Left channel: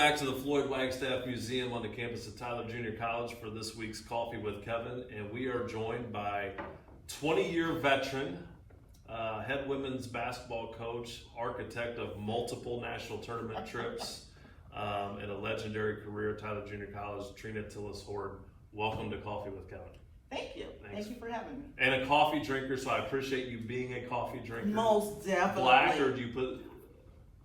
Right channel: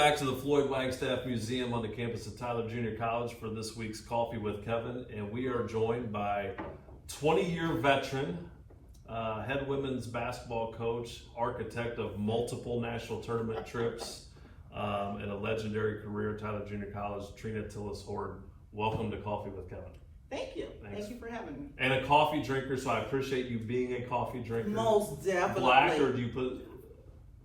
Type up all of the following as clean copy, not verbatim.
back to the Floyd Wagstaff Museum on the campus of Tyler Junior College for this week's Coffee with Kevin, and we are joined by 20-year veteran, head women's basketball coach, architect of multiple national tournament trips, and a legendary career at Tyler Junior College, Trina Tillis Hord. Welcome to Coffee with Kevin. Thank you. Thanks. Thank you for having me. And a coffee drinker, so I appreciate you being a coffee drinker. Most definitely. Black, or do you put?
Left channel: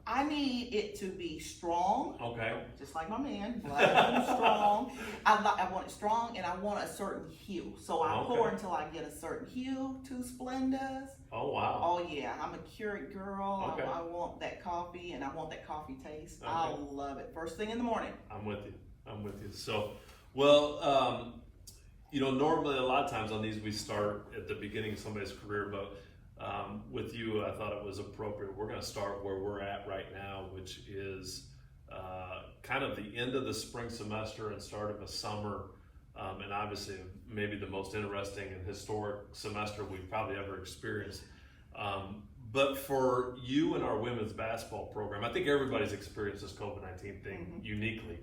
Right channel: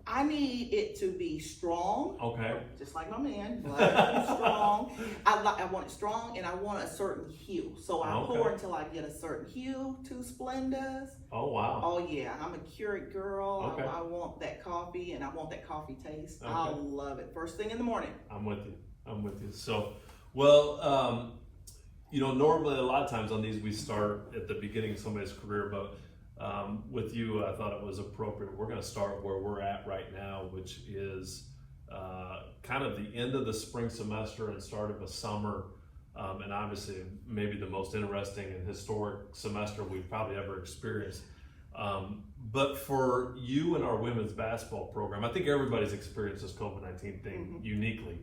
I need it to be strong. Okay. Just like my man, black and strong. I want it strong, and I want a certain hue. So I pour until I get a certain hue. Two Splendas. Oh wow. Oh yeah, I'm a Keurig girl. Okay. I want that coffee, and I want that coffee taste. Okay. I love it. First thing in the morning. I'm with you. So, well, normally a lot of times on these we start at the beginning of somebody's career, but with you, I thought it was appropriate. We're going to start where we're at right now, which is kind of the end of the spring semester and start of a summer, and obviously maybe the most interesting and historic semester we've probably ever experienced. But for you and our women's basketball program, I think everybody's experienced this COVID-19 thing uniquely.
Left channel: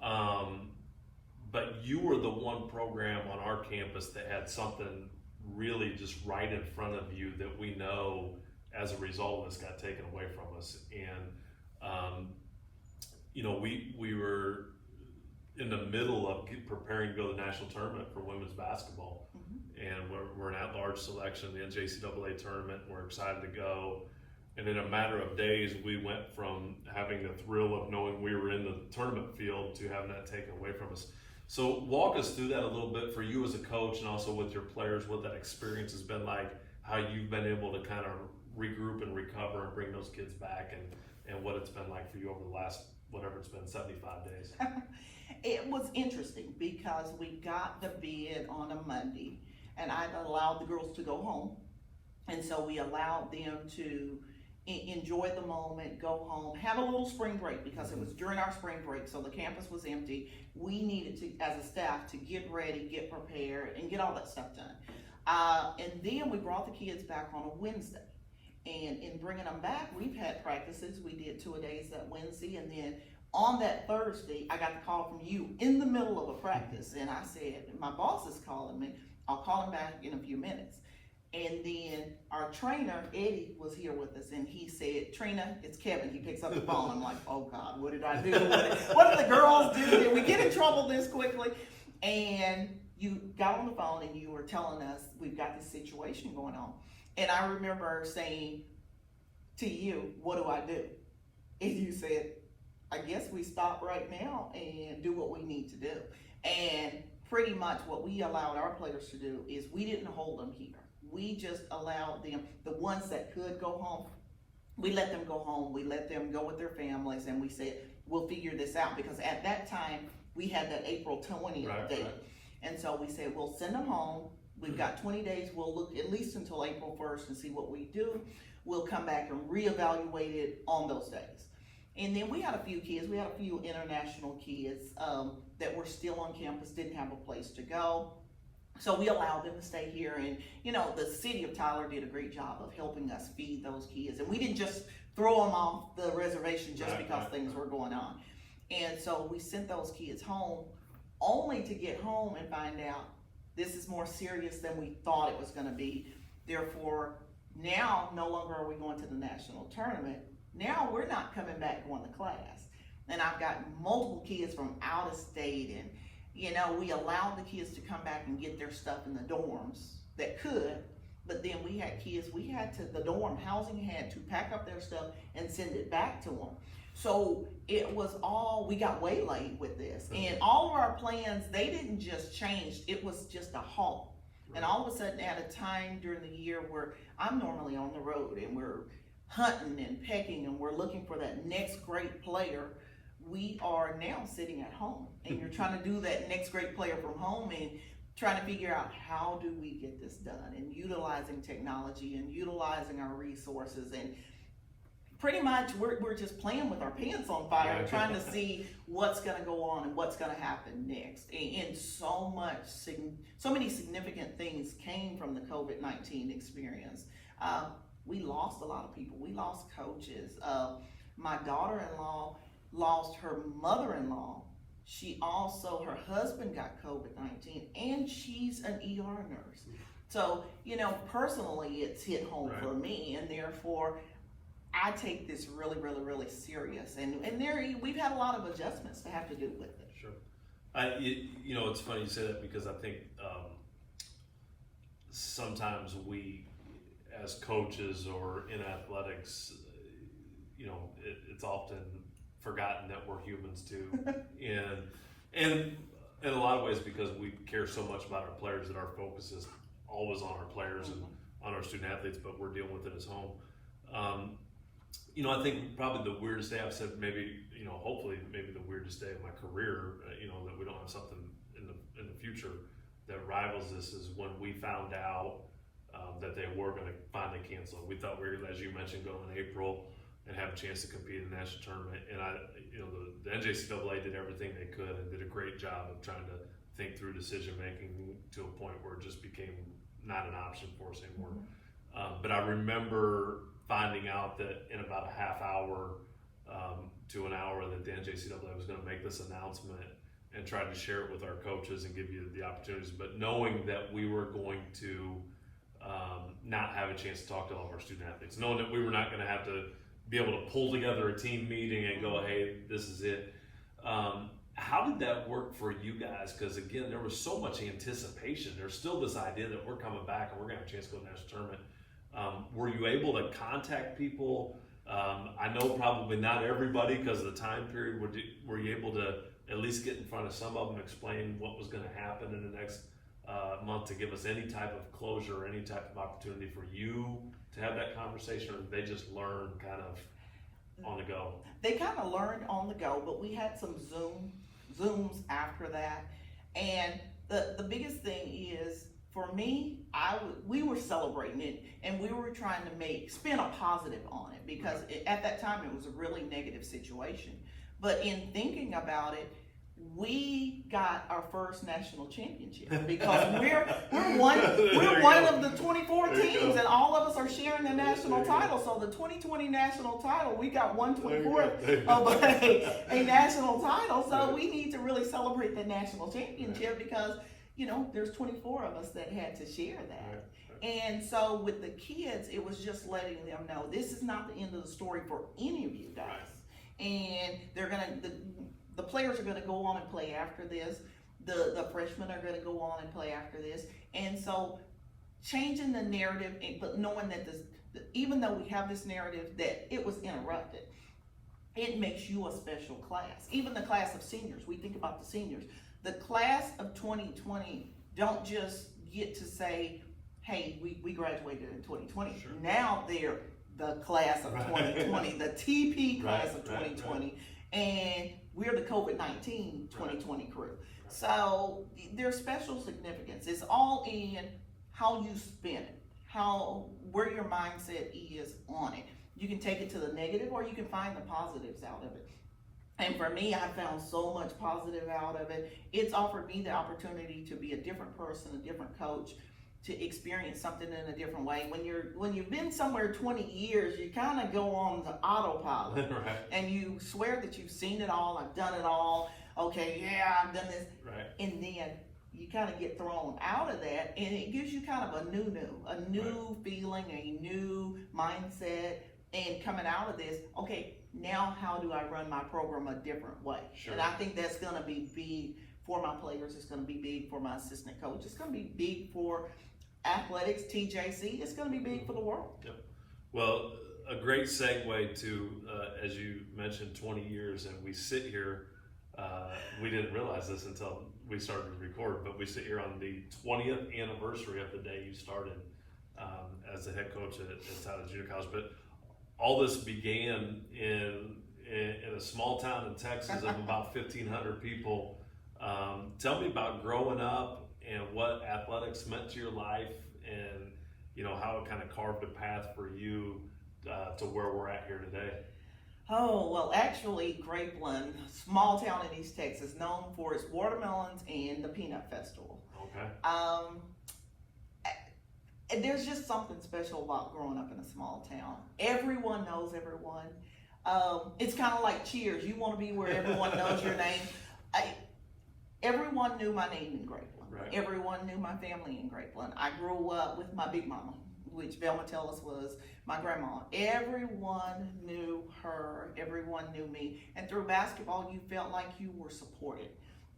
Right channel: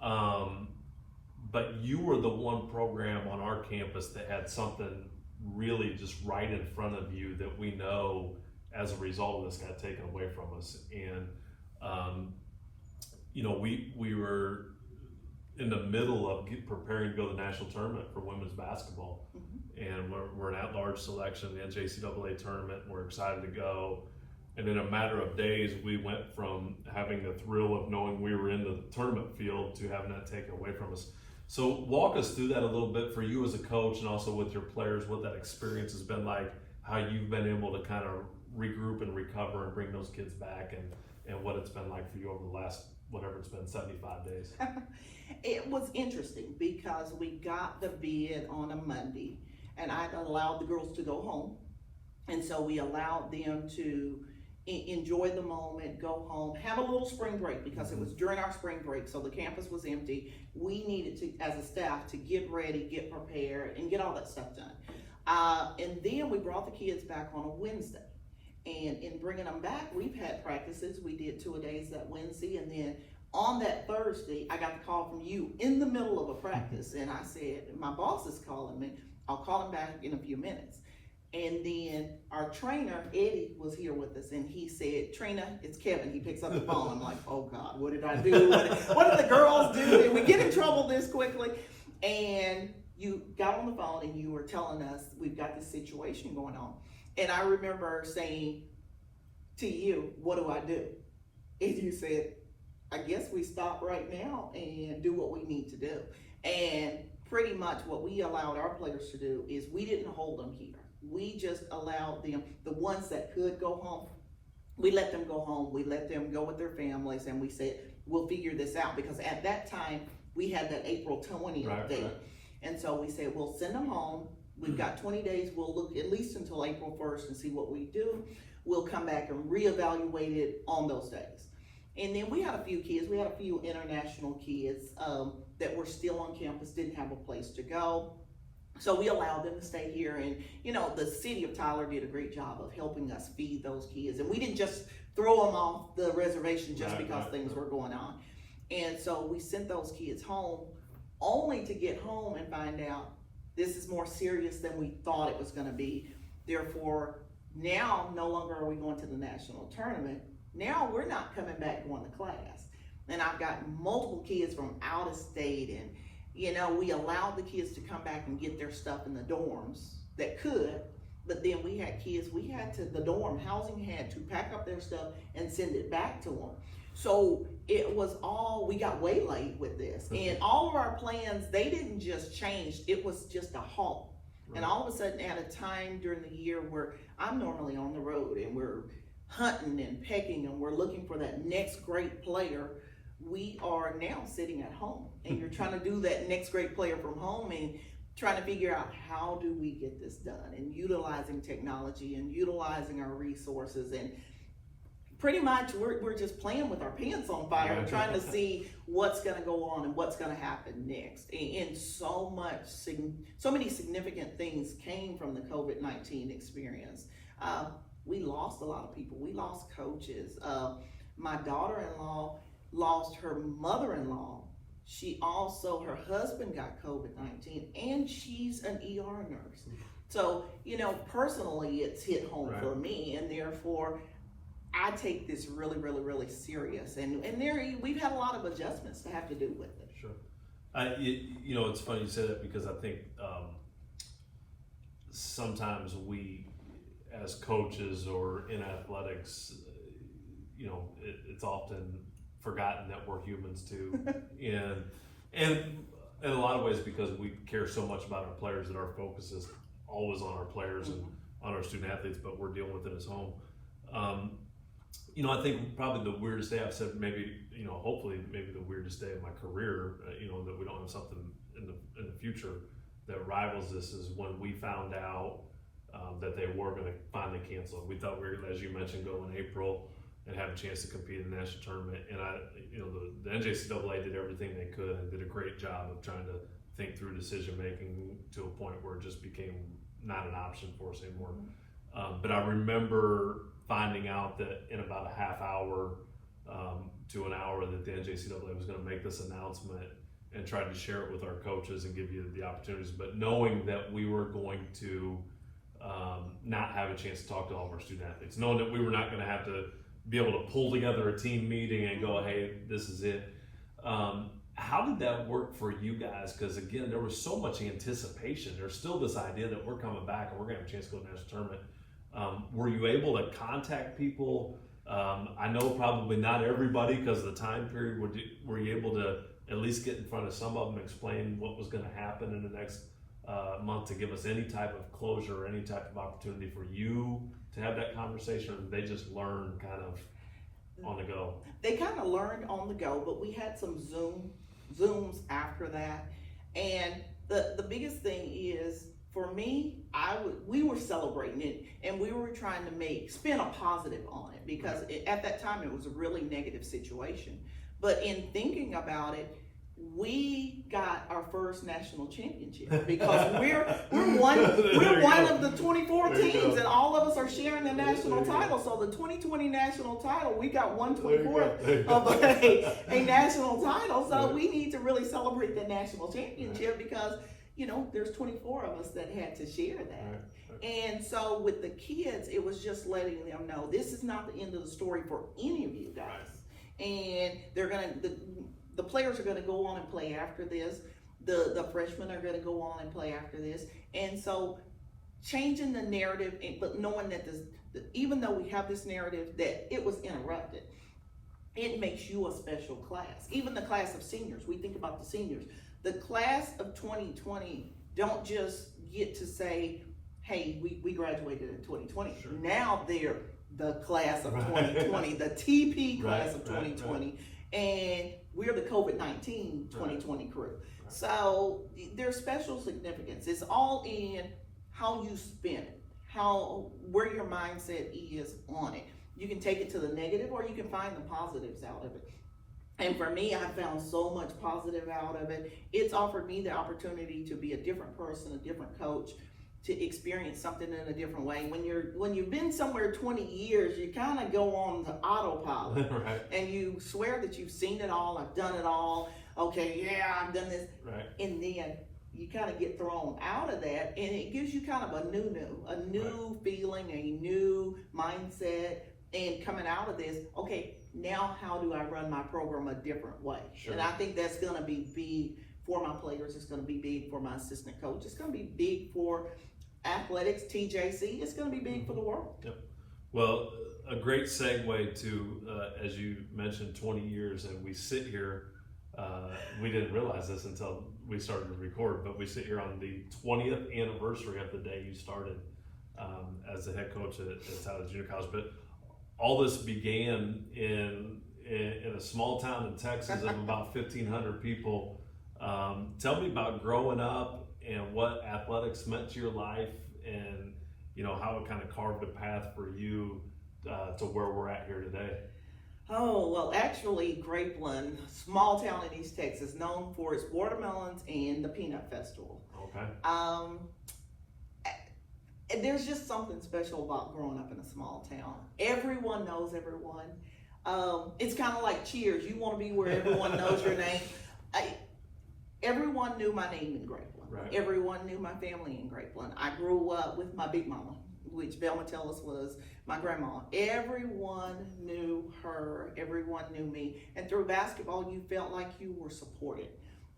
But you were the one program on our campus that had something really just right in front of you that we know as a result of this got taken away from us. And we were in the middle of preparing to go to the national tournament for women's basketball, and we're an at-large selection in the NJCAA tournament. And we're excited to go, and in a matter of days we went from having the thrill of knowing we were in the tournament field to having that taken away from us. So walk us through that a little bit for you as a coach, and also with your players, what that experience has been like, how you've been able to kind of regroup and recover and bring those kids back, and what it's been like for you over the last, whatever it's been, 75 days. It was interesting because we got the bid on a Monday, and I allowed the girls to go home. And so we allowed them to enjoy the moment, go home, have a little spring break, because it was during our spring break, so the campus was empty. We needed to, as a staff, to get ready, get prepared, and get all that stuff done. And then we brought the kids back on a Wednesday. And in bringing them back, we've had practices. We did 2-a-days that Wednesday, and then on that Thursday, I got the call from you in the middle of a practice, and I said, my boss is calling me. I'll call him back in a few minutes. And then our trainer, Eddie, was here with us, and he said, Trina, it's Kevin. He picks up the phone. I'm like, oh God, what did I do? What did the girls do? Did we get in trouble this quickly? And you got on the phone and you were telling us, we've got this situation going on. And I remember saying to you, what do I do? And you said, I guess we stop right now and do what we need to do. And pretty much what we allowed our players to do is we didn't hold them here. We just allowed them, the ones that could go home, we let them go home. We let them go with their families, and we said, we'll figure this out, because at that time we had that April 20th date. Right. And so we said, we'll send them home. We've got 20 days. We'll look at least until April 1st and see what we do. We'll come back and reevaluate it on those days. And then we had a few kids. We had a few international kids that were still on campus, didn't have a place to go. So we allowed them to stay here, and the city of Tyler did a great job of helping us feed those kids. And we didn't just throw them off the reservation just because things were going on. And so we sent those kids home, only to get home and find out this is more serious than we thought it was going to be. Therefore, now no longer are we going to the national tournament. Now we're not coming back going to class. And I've got multiple kids from out of state, and we allowed the kids to come back and get their stuff in the dorms that could, but then we had kids, the dorm housing had to pack up their stuff and send it back to them. So it was we got waylaid with this. And all of our plans, they didn't just change, it was just a halt. Right. And all of a sudden, at a time during the year where I'm normally on the road and we're hunting and pecking and we're looking for that next great player, we are now sitting at home, and you're trying to do that next great player from home and trying to figure out how do we get this done, and utilizing technology and utilizing our resources. And pretty much we're just playing with our pants on fire, trying to see what's going to go on and what's going to happen next. And so many significant things came from the COVID-19 experience. We lost a lot of people. We lost coaches. My daughter-in-law lost her mother-in-law. She also, her husband got COVID-19, and she's an ER nurse. So, personally, it's hit home Right. for me, and therefore, I take this really, really, really serious. And we've had a lot of adjustments to have to do with it. Sure. It's funny you say that, because I think sometimes we, as coaches or in athletics, it's often forgotten that we're humans too, and in a lot of ways, because we care so much about our players, that our focus is always on our players and on our student athletes, but we're dealing with it as home. I think probably the weirdest day, I've said maybe, hopefully maybe the weirdest day of my career, that we don't have something in the future that rivals this, is when we found out that they were going to finally cancel it. We thought we were, as you mentioned, go in April and have a chance to compete in the national tournament. And the NJCAA did everything they could and did a great job of trying to think through decision making to a point where it just became not an option for us anymore. But I remember finding out that in about a half hour to an hour that the NJCAA was going to make this announcement, and tried to share it with our coaches and give you the opportunities, but knowing that we were going to not have a chance to talk to all of our student athletes, knowing that we were not going to have to be able to pull together a team meeting and go, hey, this is it. How did that work for you guys? Because again, there was so much anticipation. There's still this idea that we're coming back and we're going to have a chance to go to the national tournament. Were you able to contact people? I know probably not everybody because of the time period. Were you able to at least get in front of some of them, explain what was going to happen in the next month, to give us any type of closure or any type of opportunity for you to have that conversation, or did they just learn kind of on the go? They kind of learned on the go, but we had some Zooms after that. And the biggest thing is, for me, we were celebrating it, and we were trying to spin a positive on it, because at that time it was a really negative situation. But in thinking about it, we got our first national championship, because we're one of the 24 teams, and all of us are sharing the national title. So the 2020 national title, we got 1/24 of a national title. So we need to really celebrate the national championship, because there's 24 of us that had to share that. And so with the kids, it was just letting them know this is not the end of the story for any of you guys. And the players are gonna go on and play after this. The freshmen are gonna go on and play after this. And so changing the narrative, but knowing that even though we have this narrative that it was interrupted, it makes you a special class. Even the class of seniors, we think about the seniors. The class of 2020 don't just get to say, hey, we graduated in 2020. Sure. Now they're the class of 2020, the TP class of 2020, and we're the COVID-19 2020 crew. Right. So there's special significance. It's all in how you spin it, where your mindset is on it. You can take it to the negative, or you can find the positives out of it. And for me, I found so much positive out of it. It's offered me the opportunity to be a different person, a different coach, to experience something in a different way. When you've been somewhere 20 years, you kind of go on the autopilot. Right. And you swear that you've seen it all, I've done it all, okay, yeah, I've done this. Right. And then you kind of get thrown out of that, and it gives you kind of a new feeling, a new mindset. And coming out of this, okay, now how do I run my program a different way? Sure. And I think that's gonna be big for my players. It's gonna be big for my assistant coach. It's gonna be big for athletics, TJC. It's gonna be big for the world. Yep. Well, a great segue to, as you mentioned, 20 years, and we sit here, we didn't realize this until we started to record, but we sit here on the 20th anniversary of the day you started as the head coach at Tyler Junior College. But all this began in a small town in Texas of about 1,500 people. Tell me about growing up and what athletics meant to your life, and how it kind of carved a path for you to where we're at here today. Oh, well, actually, Grapeland, small town in East Texas, known for its watermelons and the Peanut Festival. Okay. And there's just something special about growing up in a small town. Everyone knows everyone. It's kind of like Cheers. You want to be where everyone knows your name. Everyone knew my name in Grapeland. Right. Everyone knew my family in Grapeland. I grew up with my big mama, which Velma Tellis was my grandma. Everyone knew her. Everyone knew me. And through basketball, you felt like you were supported.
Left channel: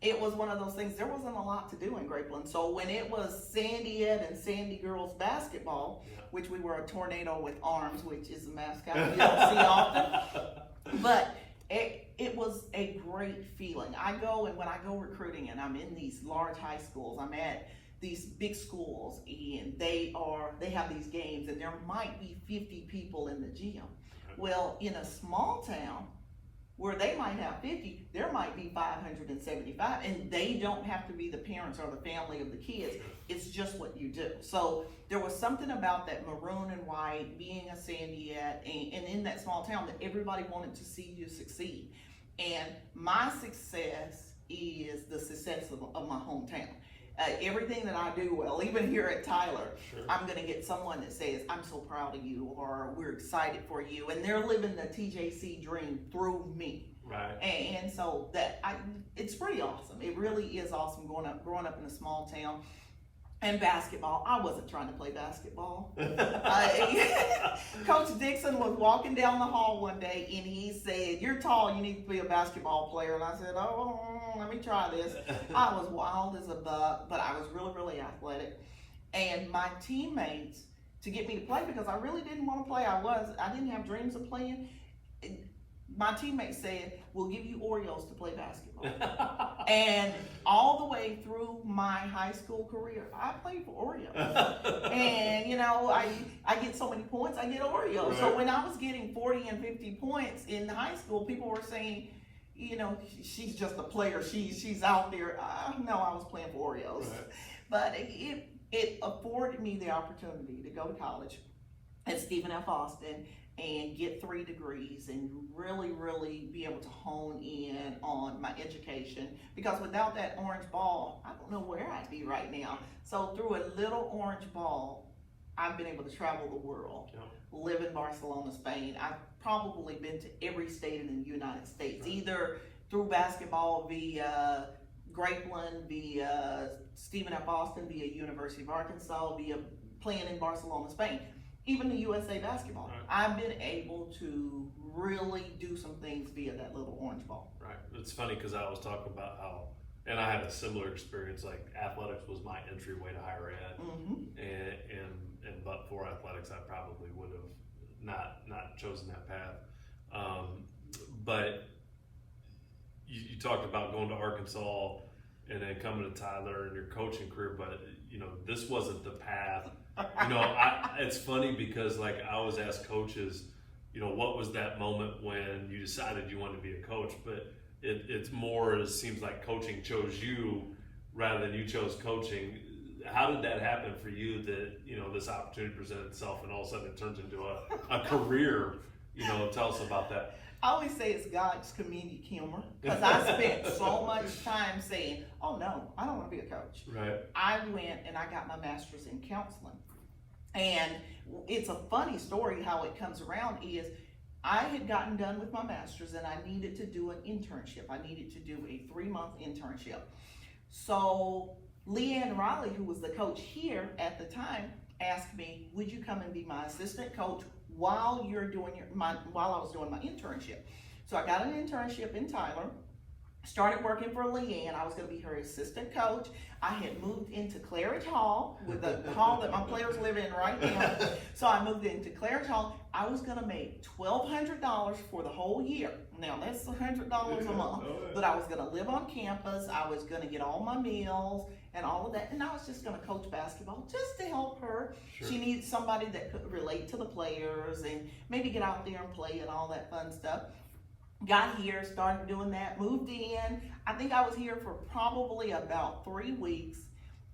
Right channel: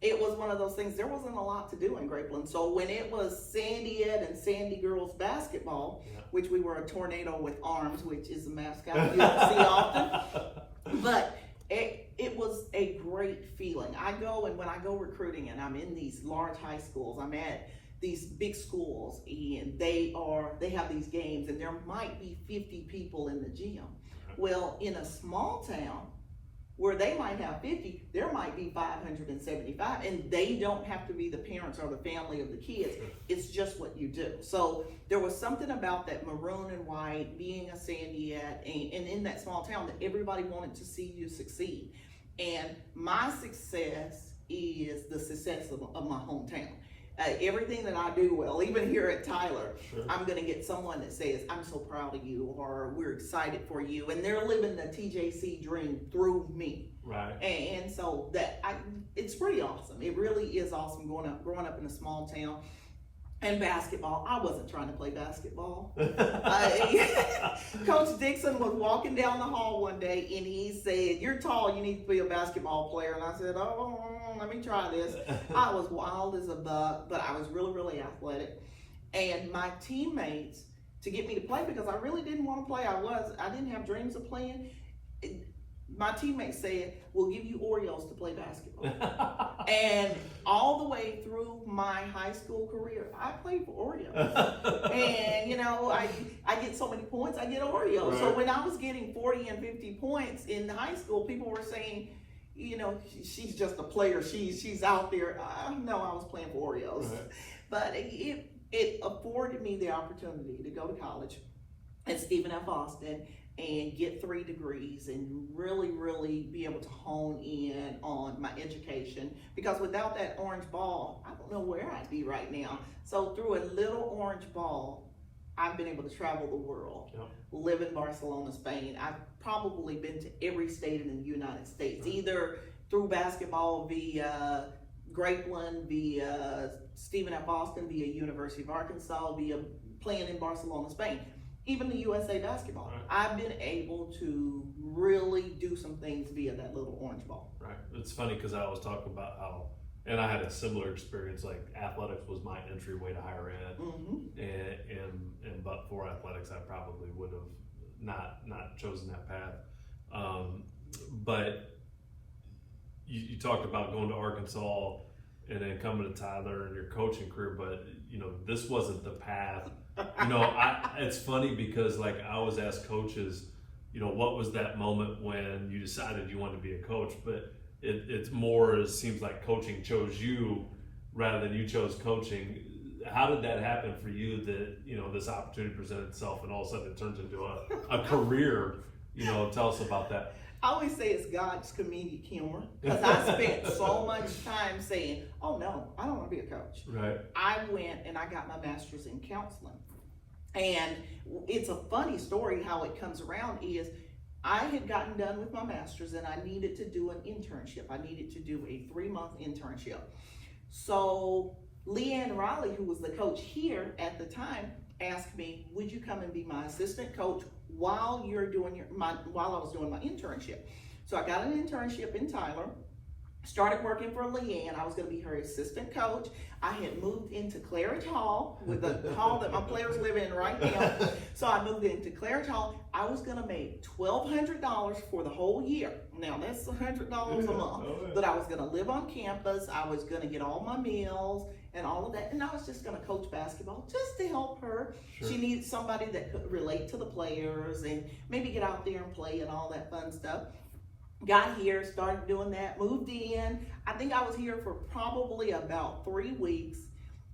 It was one of those things, there wasn't a lot to do in Grapeland. So when it was Sandy Ed and Sandy Girls basketball, which we were a tornado with arms, which is a mascot you don't see often, but it was a great feeling. I go, and when I go recruiting and I'm in these large high schools, I'm at these big schools, and they have these games, and there might be 50 people in the gym. Well, in a small town where they might have 50, there might be 575, and they don't have to be the parents or the family of the kids. It's just what you do. So there was something about that maroon and white, being a Sandy Ed, and in that small town, that everybody wanted to see you succeed. And my success is the success of my hometown. Everything that I do well, even here at Tyler, I'm gonna get someone that says, I'm so proud of you, or we're excited for you, and they're living the TJC dream through me. Right. And so it's pretty awesome. It really is awesome growing up in a small town. And basketball, I wasn't trying to play basketball. Coach Dixon was walking down the hall one day and he said, you're tall, you need to be a basketball player. And I said, oh, let me try this. I was wild as a buck, but I was really, really athletic. And my teammates, to get me to play, because I really didn't want to play, I didn't have dreams of playing. My teammates said, we'll give you Oreos to play basketball. And all the way through my high school career, I played for Oreos. And, you know, I get so many points, I get Oreos. Right. So when I was getting 40 and 50 points in high school, people were saying, you know, she's just a player. She's out there. No, I was playing for Oreos. Right. But it afforded me the opportunity to go to college at Stephen F. Austin and get 3 degrees and really, really be able to hone in on my education. Because without that orange ball, I don't know where I'd be right now. So through a little orange ball, I've been able to travel the world, live in Barcelona, Spain. I've probably been to every state in the United States, either through basketball via Grapeland, via Stephen F. Austin, via University of Arkansas, via playing in Barcelona, Spain. Even the USA basketball. Right. I've been able to really do some things via that little orange ball. Right. It's funny because I was talking about how, and I had a similar experience, like athletics was my entryway to higher ed. Mm-hmm. And but for athletics, I probably would have not chosen that path. But you talked about going to Arkansas and then coming to Tyler and your coaching career, but you know, this wasn't the path. You know, it's funny because like I always ask coaches, you know, what was that moment when you decided you wanted to be a coach? But it seems like coaching chose you rather than you chose coaching. How did that happen for you that, you know, this opportunity presented itself and all of a sudden it turns into a career? You know, tell us about that. I always say it's God's comedic humor, because I spent so much time saying, oh no, I don't want to be a coach. Right. I went and I got my master's in counseling. And it's a funny story how it comes around is I had gotten done with my master's and I needed to do an internship. I needed to do a 3-month internship. So Leanne Riley, who was the coach here at the time, asked me, would you come and be my assistant coach while you're doing while I was doing my internship? So I got an internship in Tyler, started working for Leanne. I was going to be her assistant coach. I had moved into Claridge Hall, with the hall that my players live in right now. So I moved into Claridge Hall. I was going to make $1,200 for the whole year. Now that's $100 a month, but I was going to live on campus. I was going to get all my meals and all of that, and I was just going to coach basketball just to help her. Sure. She needed somebody that could relate to the players and maybe get out there and play and all that fun stuff. Got here, started doing that, moved in. I think I was here for probably about 3 weeks,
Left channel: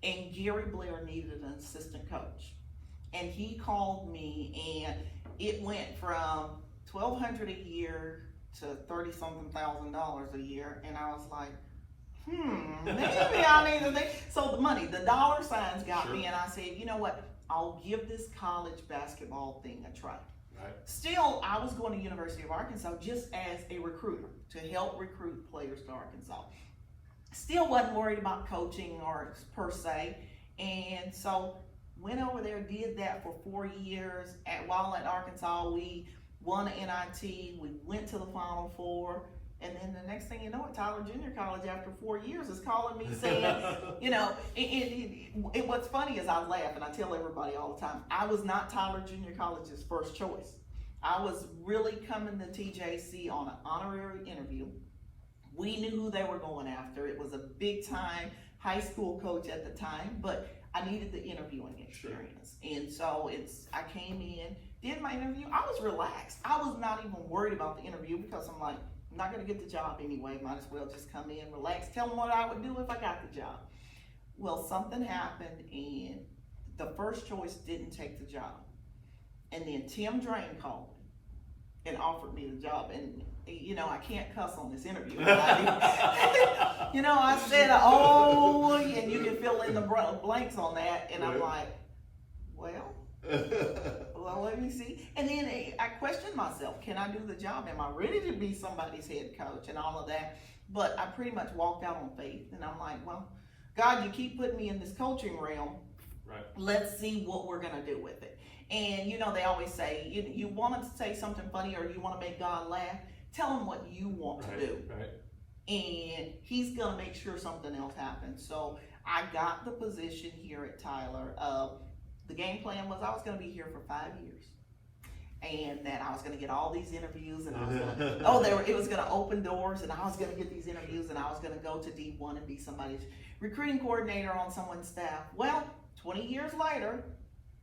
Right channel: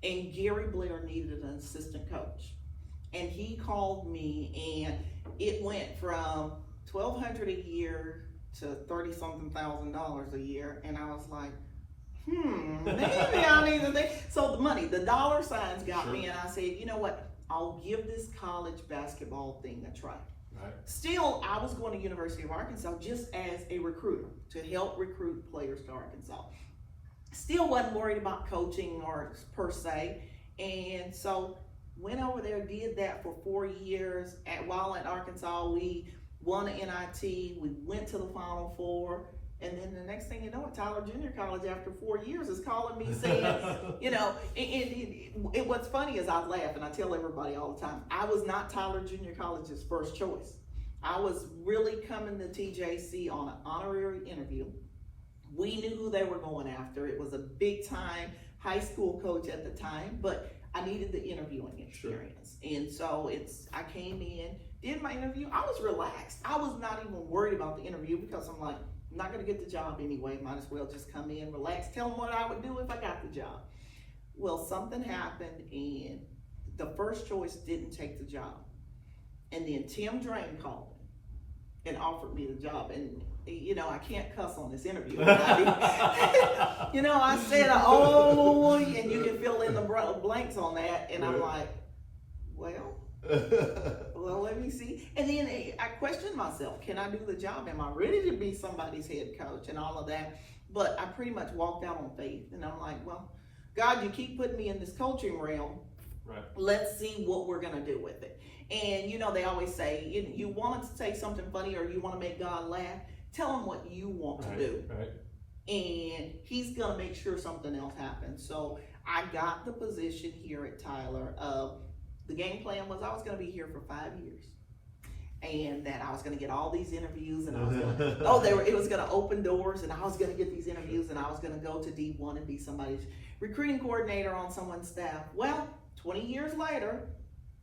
and Gary Blair needed an assistant coach. And he called me, and it went from $1,200 a year to $30-something thousand a year. And I was like, maybe I need to think. So the dollar signs got me, and I said, you know what? I'll give this college basketball thing a try. Right. Still, I was going to University of Arkansas just as a recruiter to help recruit players to Arkansas. Still wasn't worried about coaching or per se, and so went over there, did that for 4 years. While at Arkansas, we won an NIT, we went to the Final Four, and then the next thing you know, Tyler Junior College after 4 years is calling me saying, you know, and what's funny is I laugh and I tell everybody all the time, I was not Tyler Junior College's first choice. I was really coming to TJC on an honorary interview. We knew who they were going after. It was a big time high school coach at the time, but I needed the interviewing experience. Sure. And so I came in, did my interview. I was relaxed. I was not even worried about the interview because I'm like, I'm not gonna get the job anyway. Might as well just come in, relax, tell them what I would do if I got the job. Well, something happened and the first choice didn't take the job. And then Tim Drain called me and offered me the job. And you know, I can't cuss on this interview. You know, I said, oh, and you can fill in the blanks on that. And I'm like, well, let me see. And then I questioned myself, can I do the job? Am I ready to be somebody's head coach and all of that? But I pretty much walked out on faith. And I'm like, well, God, you keep putting me in this coaching realm. Right. Let's see what we're going to do with it. And, you know, they always say, you want to say something funny or you want to make God laugh, tell him what you want to do. Right. And he's going to make sure something else happens. So I got the position here at Tyler. The game plan was I was going to be here for 5 years. And that I was going to get all these interviews and I was going it was going to open doors and I was going to get these interviews and I was going to go to D1 and be somebody's recruiting coordinator on someone's staff. Well, 20 years later,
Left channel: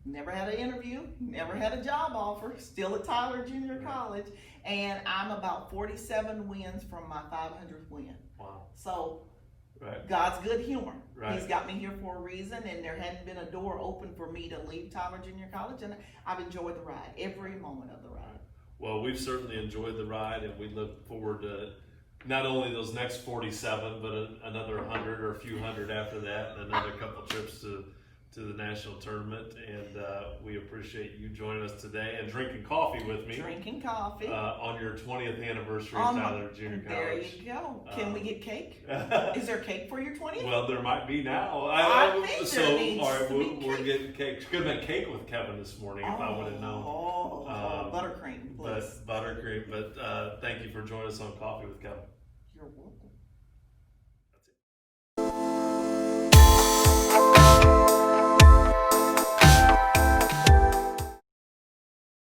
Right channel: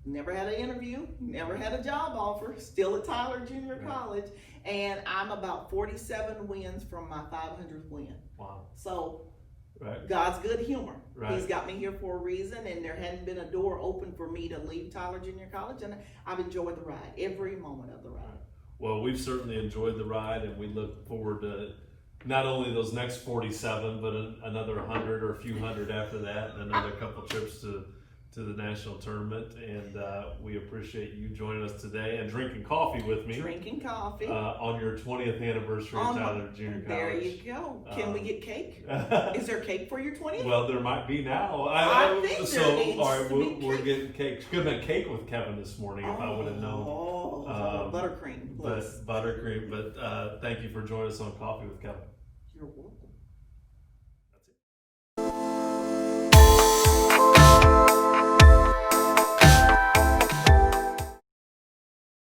never had an interview, never had a job offer, still at Tyler Junior College, and I'm about 47 wins from my 500th win. Wow. So, God's good humor. Right. He's got me here for a reason, and there hadn't been a door open for me to leave Tyler Junior College, and I've enjoyed the ride, every moment of the ride. Well, we've certainly enjoyed the ride, and we look forward to not only those next 47, but another 100 or a few hundred after that, and another couple trips to the national tournament. And we appreciate you joining us today and drinking coffee with me. Drinking coffee. On your 20th anniversary at Tyler Junior College. There you go. Can we get cake? Is there cake for your 20th? Well, there might be now. I think so, there needs all right, to be we're getting cake. Could have been cake with Kevin this morning if I would have known. Buttercream. But buttercream. But thank you for joining us on Coffee with Kevin. You're welcome.